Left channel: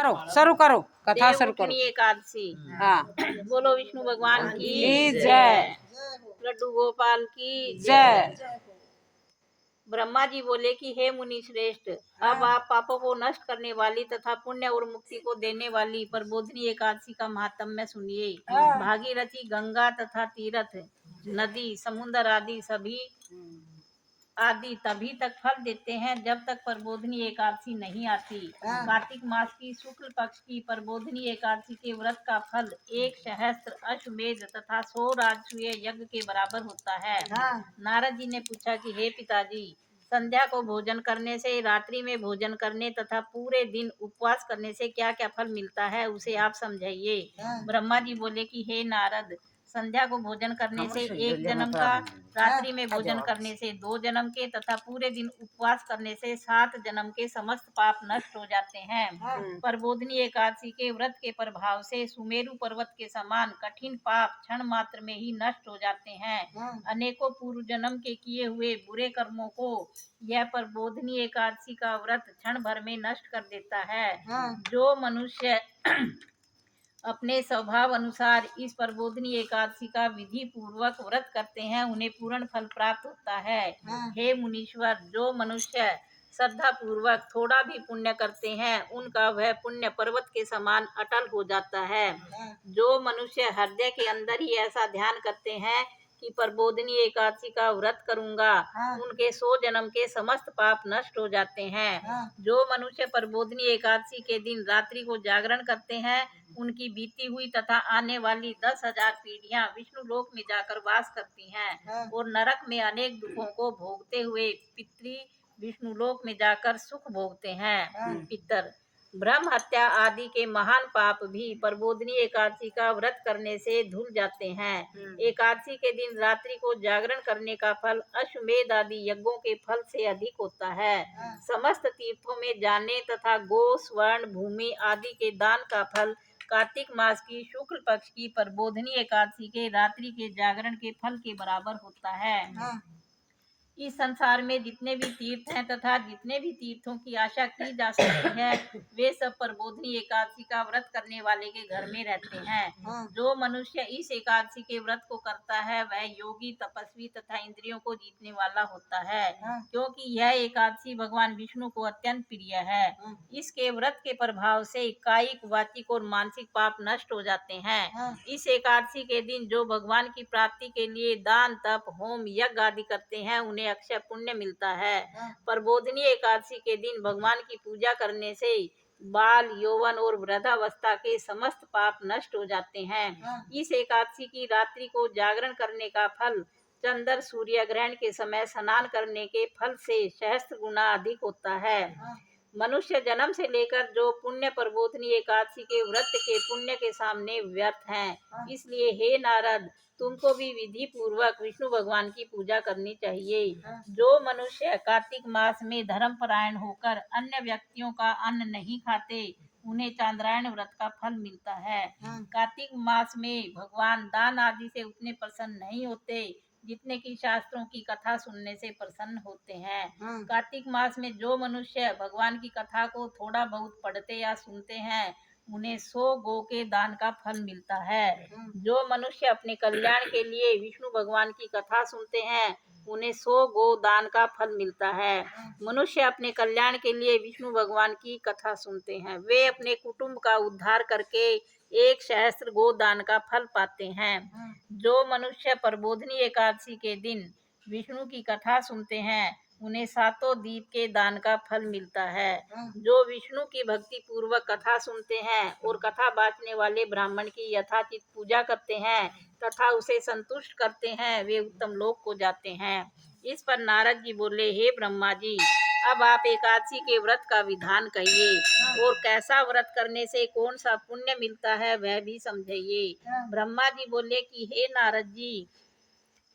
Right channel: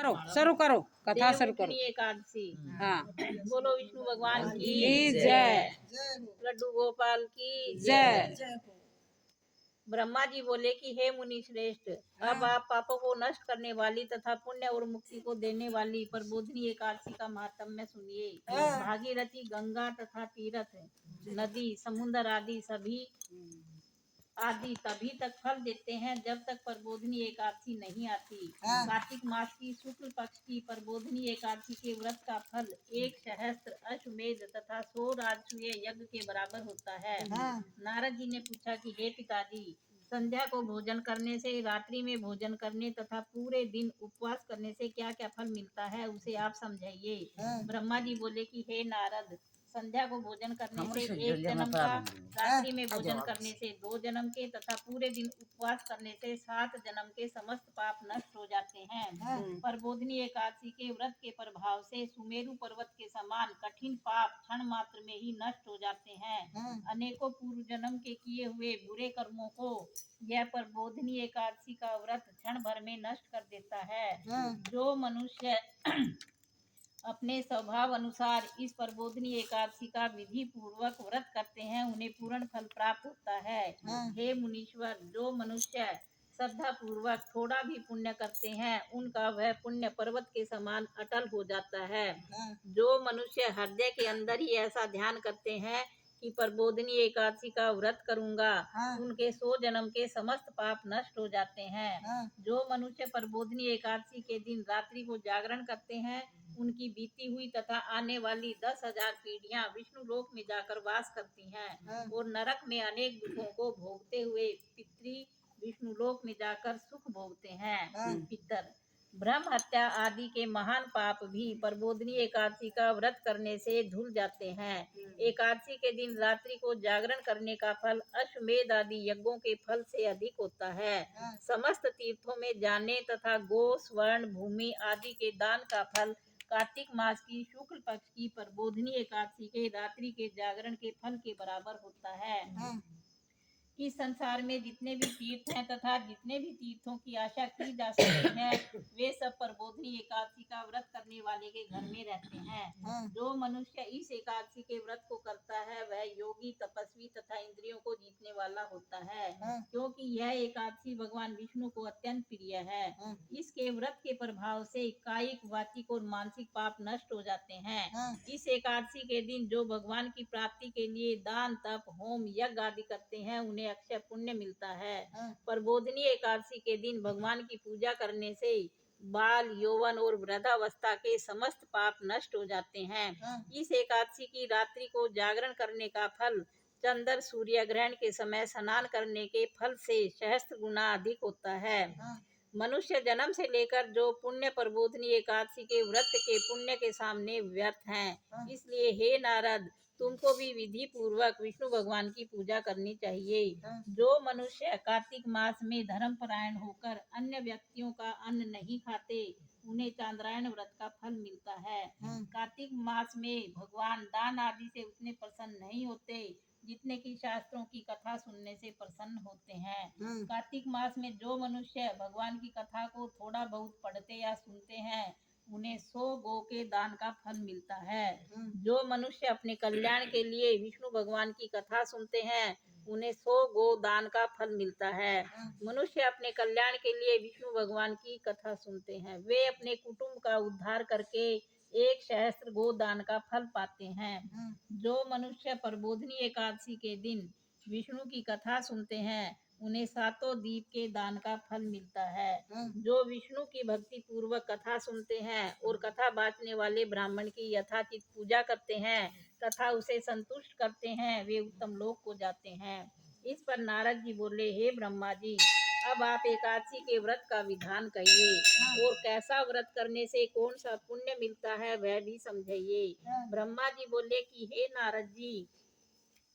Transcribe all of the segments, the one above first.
करो, शुरू करो, कथा शुरू करो। देवउठनी एकादशी। हाँ। बोलो विष्णु भगवान की जय। जय। लड्डू गोपाल की जय। जय। ब्रह्मा जी बोले कि हे मुनि श्रेष्ठ, अब आप पापों को नष्ट करने वाली तथा पुण्य और मुक्ति को देने वाली प्रबोधिनी एकादशी का महात्म्य सुनिए। भागीरथी, गंगा तथा तीर्थ, नदी, समुद्र आदि तभी तक फल देते हैं जब तक प्रबोधिनी एकादशी नहीं आती। कार्तिक मास की शुक्ल पक्ष की प्रबोधिनी एकादशी के व्रत का फल 1 सहस्त्र अश्वमेध तथा 100 राजसूय यज्ञ के बराबर होता है। नारद जी ने पूछा कि हे पिताजी, संध्या को भोजन करने से, रात्रि में भोजन करने तथा पूरे दिन उपवास करने से क्या क्या फल मिलता है, उसे आप समझाइए। ब्रह्मा जी बोले कि हे नारद, संध्या को भोजन करने से 1 जन्म का, रात्रि में भोजन करने से 2 जन्म के तथा पूरे दिन उपवास करने से 7 जन्म के समस्त पाप नष्ट हो जाते हैं। प्रबोधिनी एकादशी के व्रत के प्रभाव से सुमेरु पर्वत के समान कठिन पाप क्षण मात्र में ही नष्ट हो जाते हैं। अनेकों पूर्व जन्म के किए हुए बुरे कर्मों को यह प्रबोधिनी एकादशी का व्रत क्षण भर में नष्ट कर देता है। जो मनुष्य अपने स्वभाव अनुसार इस प्रबोधिनी एकादशी का विधि पूर्वक व्रत करते हैं, उन्हें पूर्ण फल प्राप्त होता है। हे मुनीश्वर, जो मनुष्य श्रद्धा पूर्वक थोड़ा भी पुण्य करते हैं, उनका वह पुण्य पर्वत के समान अटल हो जाता है। जो मनुष्य हृदय के अंदर ही ऐसा ध्यान करते हैं कि प्रबोधिनी एकादशी का व्रत करूंगा, उनके 100 जन्म के समस्त पाप नष्ट हो जाते हैं। जो मनुष्य प्रबोधिनी एकादशी के दिन रात्रि को जागरण करते हैं, उनकी बीती हुई तथा आने वाली 10,000 पीढ़ियां विष्णु लोक में जाकर वास करती हैं और नरक में अनेक दुखों को भोगते हुए पितृ विष्णु लोक में जाकर सुख भोगते हैं। पितर ब्रह्म हत्या आदि के महान पाप भी प्रबोधिनी एकादशी का व्रत करने से धुल जाते हैं। एकादशी के दिन रात्रि को जागरण करने का फल अश्वमेध आदि यज्ञों के फल से अधिक होता है। समस्त तीर्थों में जाने तथा गो, स्वर्ण, भूमि आदि के दान का फल कार्तिक मास की शुक्ल पक्ष की प्रबोधिनी एकादशी के रात्रि के जागरण के फल के बराबर होता है। इस संसार में जितने भी तीर्थ हैं तथा जितने भी तीर्थों की आशा की जा सकती है, वे सब प्रबोधिनी एकादशी का व्रत करने वाले के घर में रहते हैं। जो मनुष्य इस एकादशी के व्रत को करता है, वह योगी, तपस्वी तथा इंद्रियों को जीतने वाला होता है, क्योंकि यह एकादशी भगवान विष्णु को अत्यंत प्रिय है। इसके व्रत के प्रभाव से कायिक, वाचिक और मानसिक पाप नष्ट हो जाते हैं। इस एकादशी के दिन जो भगवान की प्राप्ति के लिए दान, तप, होम, यज्ञ आदि करते हैं, उन्हें अक्षय पुण्य मिलता है। प्रबोधिनी एकादशी के दिन भगवान की पूजा करने से बाल, यौवन और वृद्धावस्था के समस्त पाप नष्ट हो जाते हैं। इस एकादशी की रात्रि को जागरण करने का फल चंद्र सूर्य ग्रहण के समय स्नान करने के फल से सहस्त्र गुना अधिक होता है। मनुष्य जन्म से लेकर जो पुण्य प्रबोधिनी एकादशी के व्रत के पुण्य के सामने व्यर्थ हैं। इसलिए हे नारद, तुमको भी विधि पूर्वक विष्णु भगवान की पूजा करनी चाहिए। जो मनुष्य कार्तिक मास में धर्मपरायण होकर अन्य व्यक्तियों का अन्न नहीं खाते, उन्हें चांद्रायण व्रत का फल मिलता है। कार्तिक मास में भगवान दान आदि से उतने प्रसन्न नहीं होते जितने की शास्त्रों की कथा सुनने से प्रसन्न होते हैं। कार्तिक मास में जो मनुष्य भगवान की कथा को थोड़ा बहुत पढ़ते या सुनते हैं, उन्हें 100 गो के दान का फल मिलता है। जो मनुष्य अपने कल्याण के लिए विष्णु भगवान की कथा सुनते हैं, उन्हें 100 गो दान का फल मिलता है। मनुष्य अपने कल्याण के लिए विष्णु भगवान की कथा सुनते हैं, वे अपने कुटुंब का उद्धार करके 1 सहस्त्र गो दान का फल पाते हैं। जो मनुष्य प्रबोधिनी एकादशी के दिन विष्णु की कथा सुनते हैं, उन्हें 7 दीप के दान का फल मिलता है। जो विष्णु की भक्ति पूर्वक कथा सुनते हैं और कथा बांटने वाले ब्राह्मण की यथाचित पूजा करते हैं तथा उसे संतुष्ट करते हैं, वे उत्तम लोक को जाते हैं। इस पर नारद जी बोले, हे ब्रह्मा जी, अब आप एकादशी के व्रत का विधान कहिए और कैसा व्रत करने से कौन सा पुण्य मिलता है, वह भी समझाइए। ब्रह्मा जी बोले कि हे नारद जी,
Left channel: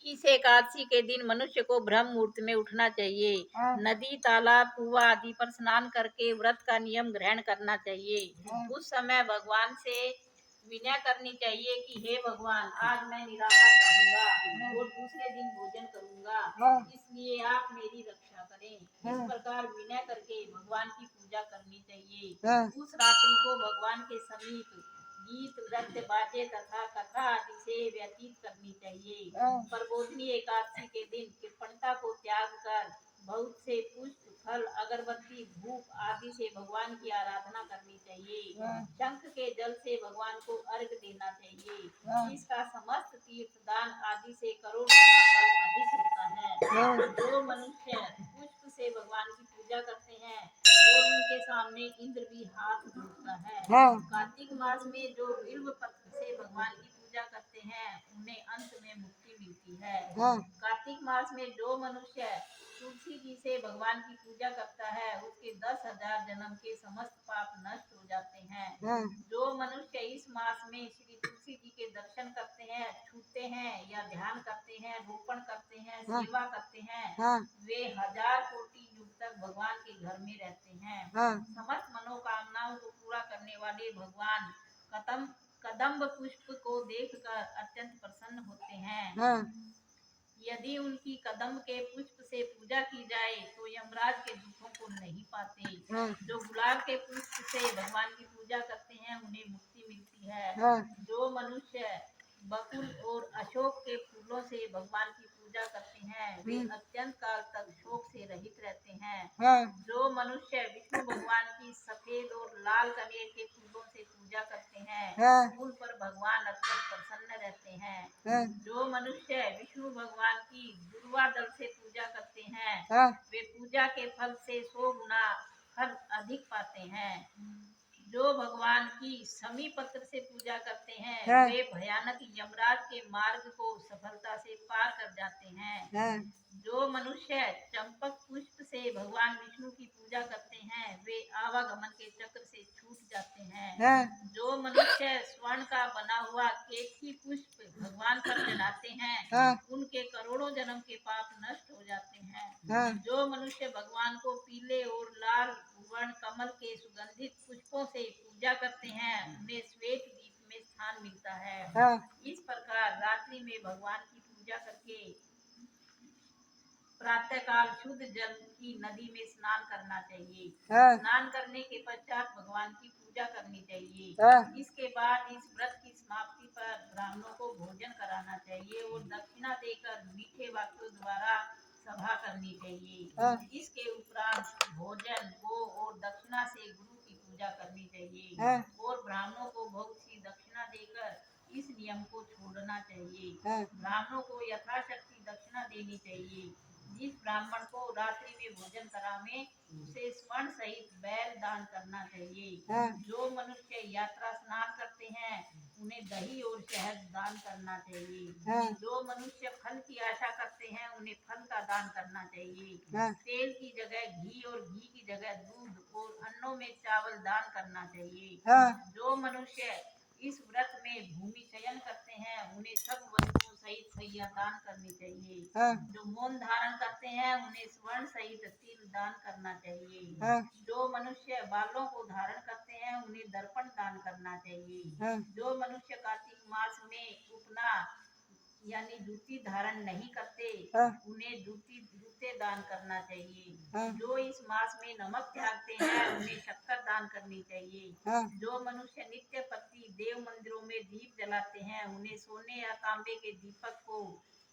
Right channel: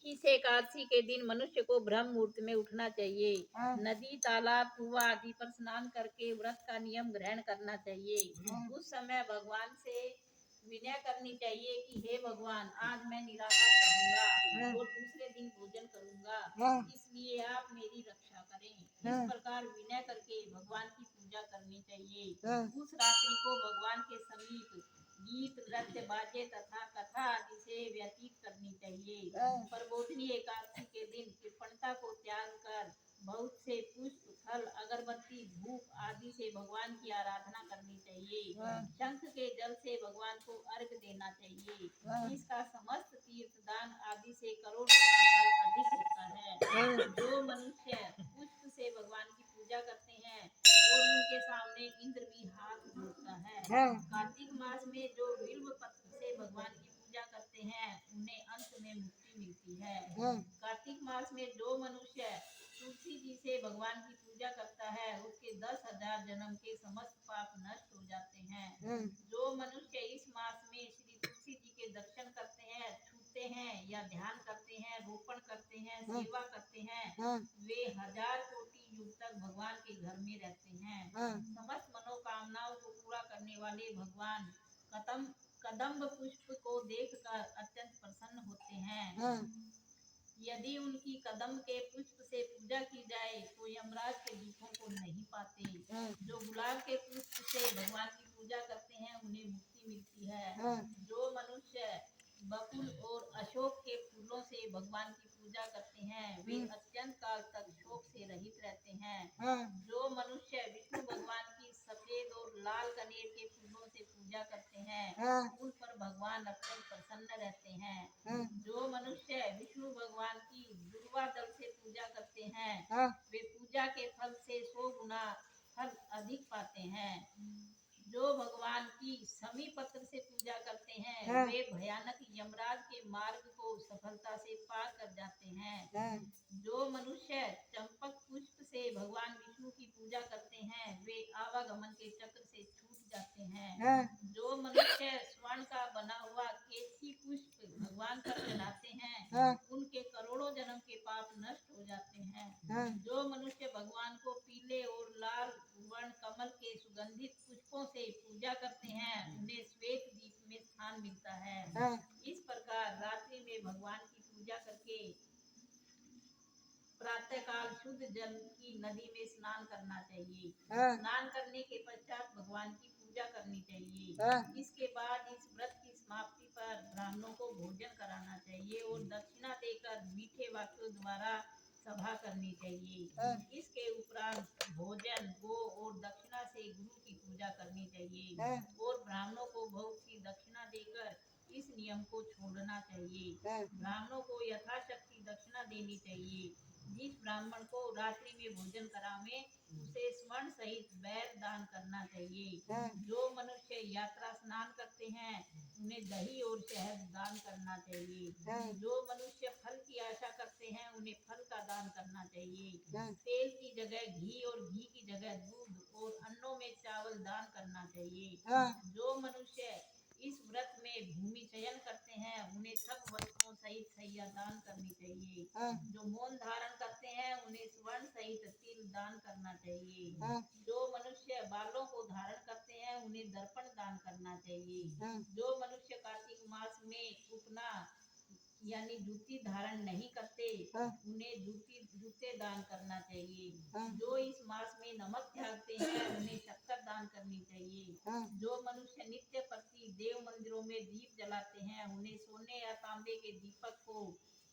इस एकादशी के दिन मनुष्य को ब्रह्म मुहूर्त में उठना चाहिए। नदी, तालाब, कुआं आदि पर स्नान करके व्रत का नियम ग्रहण करना चाहिए। उस समय भगवान से विनय करनी चाहिए कि हे भगवान, आज मैं निराहार रहूंगा और दूसरे दिन भोजन करूंगा, इसलिए आप मेरी रक्षा करें। इस प्रकार विनय करके भगवान की पूजा पूजा करनी चाहिए। हाँ। उस रात्रि को भगवान के समीप गीत नृत्य बाजे तथा कथा आदि से व्यतीत करनी चाहिए। प्रबोधिनी एकादशी के दिन कृपणता को त्याग कर बहुत से पुष्प फल अगरबत्ती धूप आदि से भगवान की आराधना करनी चाहिए। शंख के जल से भगवान को अर्घ देना चाहिए। इसका समस्त तीर्थ दान आदि से करोड़ गुना फल अधिक होता है। जो मनुष्य पुष्प से भगवान की पूजा करते हैं और उनके सामने इंद्र भी हाथ जोड़ता है। कार्तिक मास में जो बिल्व पत्र से भगवान की पूजा करते हैं उन्हें अंत में मुक्ति मिलती है। कार्तिक मास में जो मनुष्य तुलसी जी से भगवान की पूजा करता है उसके 10,000 जन्म के समस्त पाप नष्ट हो जाते हैं। जो मनुष्य इस मास में श्री तुलसी जी के दर्शन करते हैं, छूते हैं या ध्यान करते हैं, रोपण करते हैं, सेवा करते हैं, वे 1000 कोटि युग तक भगवान के घर में रहते हैं। समस्त मनोकामनाओं को पूरा करने वाले भगवान कदम्ब पुष्प को देखकर अत्यंत प्रसन्न होते हैं। यदि उनकी कदम्ब के पुष्प से पूजा की जाए तो यमराज के दुखों को नहीं पाते। जो गुलाब के पुष्प से भगवान की पूजा करते हैं उन्हें मुक्ति मिलती है। जो मनुष्य बकुल और अशोक के फूलों से भगवान की पूजा करते हैं वे अत्यंत काल तक शोक से रहित रहते हैं। जो मनुष्य विष्णु भगवान की सफेद और लाल कनेर के फूलों से पूजा करते हैं उन पर भगवान अत्यंत प्रसन्न रहते हैं। जो मनुष्य विष्णु भगवान की दुर्वा दल से पूजा करते हैं वे पूजा के फल से 100 गुना फल अधिक पाते हैं। जो भगवान की समी पत्र से पूजा करते हैं वे भयानक यमराज के मार्ग को सफलता से पार कर जाते हैं। जो मनुष्य चंपक पुष्प से भगवान विष्णु की पूजा करते हैं वे आवागमन के चक्र से छूट जाते हैं। जो मनुष्य स्वर्ण का बना हुआ केतकी पुष्प भगवान पर चढ़ाते हैं उनके करोड़ों जन्म के पाप नष्ट हो जाते हैं। जो मनुष्य भगवान को पीले और लाल वर्ण कमल के सुगंधित पुष्पों से पूजा करते हैं उन्हें श्वेत द्वीप में स्थान मिलता है। इस प्रकार रात्रि में भगवान की पूजा करके प्रातः काल शुद्ध जल की नदी में स्नान करना चाहिए। स्नान करने के पश्चात भगवान की पूजा करनी चाहिए। इसके बाद इस व्रत की समाप्ति पर ब्राह्मणों को भोजन कराना चाहिए और दक्षिणा देकर मीठे वाक्यों द्वारा सभा करनी चाहिए। इसके उपरांत भोजन गो और दक्षिणा से गुरु की पूजा करनी चाहिए और ब्राह्मणों को बहुत सी दक्षिणा देकर इस नियम को छोड़ना चाहिए। ब्राह्मणों को यथाशक्ति दक्षिणा देनी चाहिए। जिस ब्राह्मण को रात्रि में भोजन करावे उसे स्वर्ण सहित बैल दान करना चाहिए। जो मनुष्य यात्रा स्नान करते हैं उन्हें दही और शहद दान करना चाहिए। जो मनुष्य फल की आशा करते हैं उन्हें फल का दान करना चाहिए। तेल की जगह घी और घी की जगह दूध और अन्नों में चावल दान करना चाहिए। जो मनुष्य इस व्रत में भूमि चयन करते हैं उन्हें सब वस्तुओं सहित सैया दान करनी चाहिए। जो मौन धारण करते हैं उन्हें स्वर्ण सहित तिल दान करना चाहिए। जो मनुष्य बालों को धारण करते हैं उन्हें दर्पण दान करना चाहिए। जो मनुष्य कार्तिक मास में उपना यानी जूती धारण नहीं करते उन्हें जूते दान करना चाहिए। जो इस मास में नमक त्यागते हैं उन्हें शक्कर दान करनी चाहिए। जो मनुष्य नित्य प्रति देव मंदिरों में दीप जलाते हैं उन्हें सोने या तांबे के दीपक को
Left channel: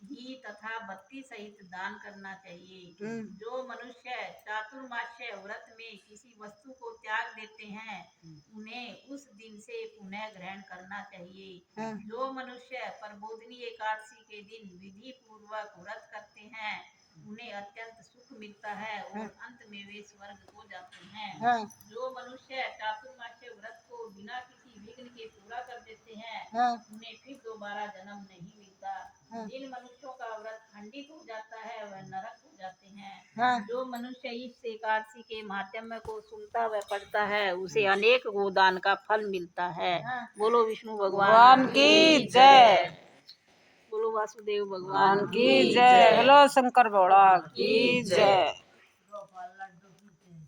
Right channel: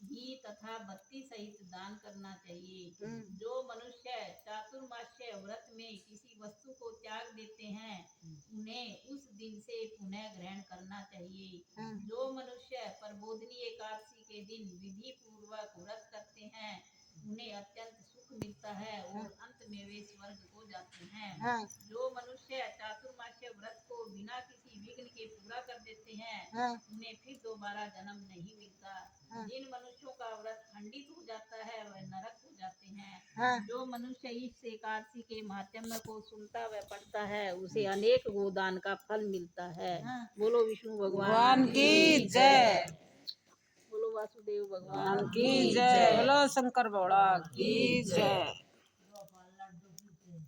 घी तथा बत्ती सहित दान करना चाहिए। जो मनुष्य चातुर्मास्य व्रत में किसी वस्तु को त्याग देते हैं उन्हें उस दिन से पुनः ग्रहण करना चाहिए। जो मनुष्य प्रबोधिनी एकादशी के दिन विधि पूर्वक व्रत करते हैं उन्हें अत्यंत सुख मिलता है और अंत में वे स्वर्ग को जाते हैं। जो मनुष्य चातुर्मास्य व्रत को बिना किसी विघ्न के पूरा कर देते हैं उन्हें फिर दोबारा जन्म नहीं मिलता। जिन मनुष्यों का व्रत खंडित हो जाता है वह नरक हो जाते हैं। जो मनुष्य इस एकादशी के माध्यम को सुनता व पढ़ता है उसे अनेक गोदान का फल मिलता है। बोलो विष्णु भगवान की जय। बोलो वासुदेव भगवान की जय। बोलो शंकर भगवान की जय।